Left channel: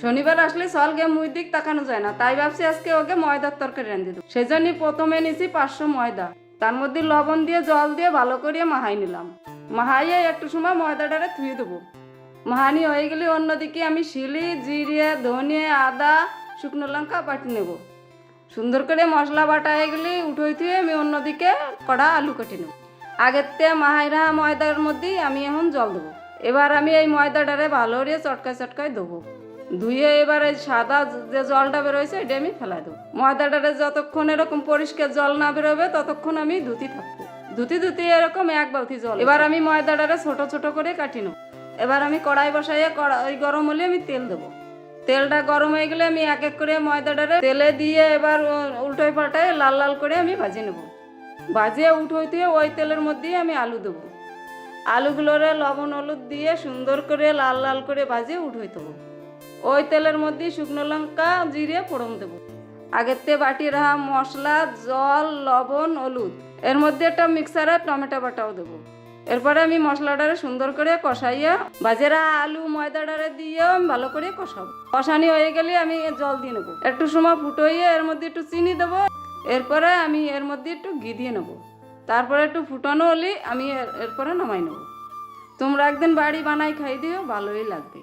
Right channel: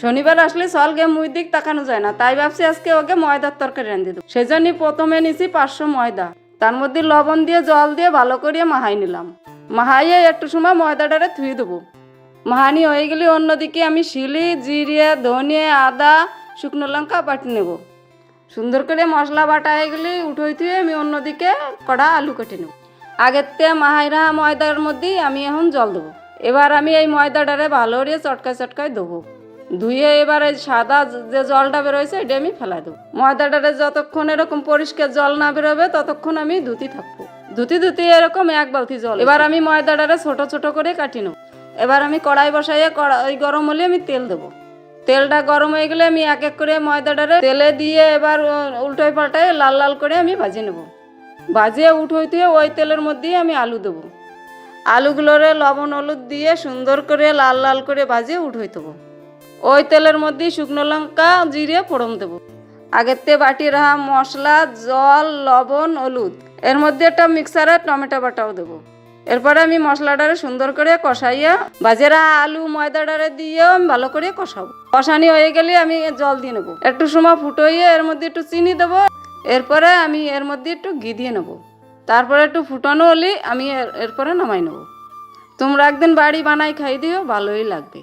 শনিবার আসলে সলগে মুই দিক তাকানো যায় না, তাই ভাবছি আজকে ওকে ময়দার তরকারি রান্ধি দেবো। সেজন্য প্রথমে নিছি 500 ময়দা, তার মধ্যে লবণ দিয়ে জল দিয়ে ভালো করে মাহাই নিলাম। মাহাইয়ে একটু সময় ময়দাটারে ধুয়ে দেবো। মাহানি হয়ে গেলে অন্যদিকে আমি শিলি, জিরে, ধনিয়া, আদা, শুকনো লঙ্কা বাটি নেব। সুন্দর করে মশলা বাটা হয়ে গেলে উঠোই থুয়ে আমি অন্যদিকে কড়া আলু কেটে নেব। আগের থেকে মাহাইরা ময়দার মধ্যেই আমি এখন জল দেবো। এবার আমি এই ময়দাটারে ভালো করে চটকায় চটকায় দেবো। ধুয়ে এবার এই সাদা যে জলটা বেরোয়েছে এটা আমি ফেলাই দেবো। ময়দাটারে যতক্ষণ এরকম পরিষ্কার জল না বেরোবে ততক্ষণ আমি ধুতি থাকবো। ধুতি এরকম 1 বালতি জল। এবার আমি ময়দাটারে ছোট ছোট করে কাটি নেব। এবার আমি কড়াই বসাইয়ে কড়াই গরম হলে আমি তেল দেবো। তেলটা গরম হয়ে গেলে আমি এক এক করে ময়দাটারে তেলে দিয়ে এবার উল্টোয় পাল্টায় লাল লাল করে আমি ভাজিয়ে নেব। ভাজিয়ে উঠোইতে ওই তেলের মধ্যেই আমি আলু দেবো। আলুগুলোরে লবণ হলুদ দিয়ে সুন্দর করে লাল লাল করে ভাজিয়ে উঠোই দেবো। ওই তেলের মধ্যেই শুকনো লঙ্কা জিরে ফোড়ন দেবো। আগের থেকে বাটি রাখা মশলা, জল, লবণ, হলুদ, এর মধ্যে একটা মিক্সারে টমেটো বাটাও দেবো। এরপরে আমি মশলাটারে সুন্দর করে কষাইয়া বাজেরা আলু ময়দাটারে দিয়েও আমি ভালো করে কষাবো। কষানি হয়ে গেলে আমি জল দিয়ে নেবো। একটু সময় ফুটোইয়ে এর মধ্যে একটু চিনি দেবো। এরপরে আমি এর মধ্যে একটু ঘি দিয়ে নেবো। তারপরে একটু ফুটানো হলে আমি এরপরে নামাই নেবো। তোমরা একদিন বাড়ি বানাই খাই দিও, ভালোই লাগবে।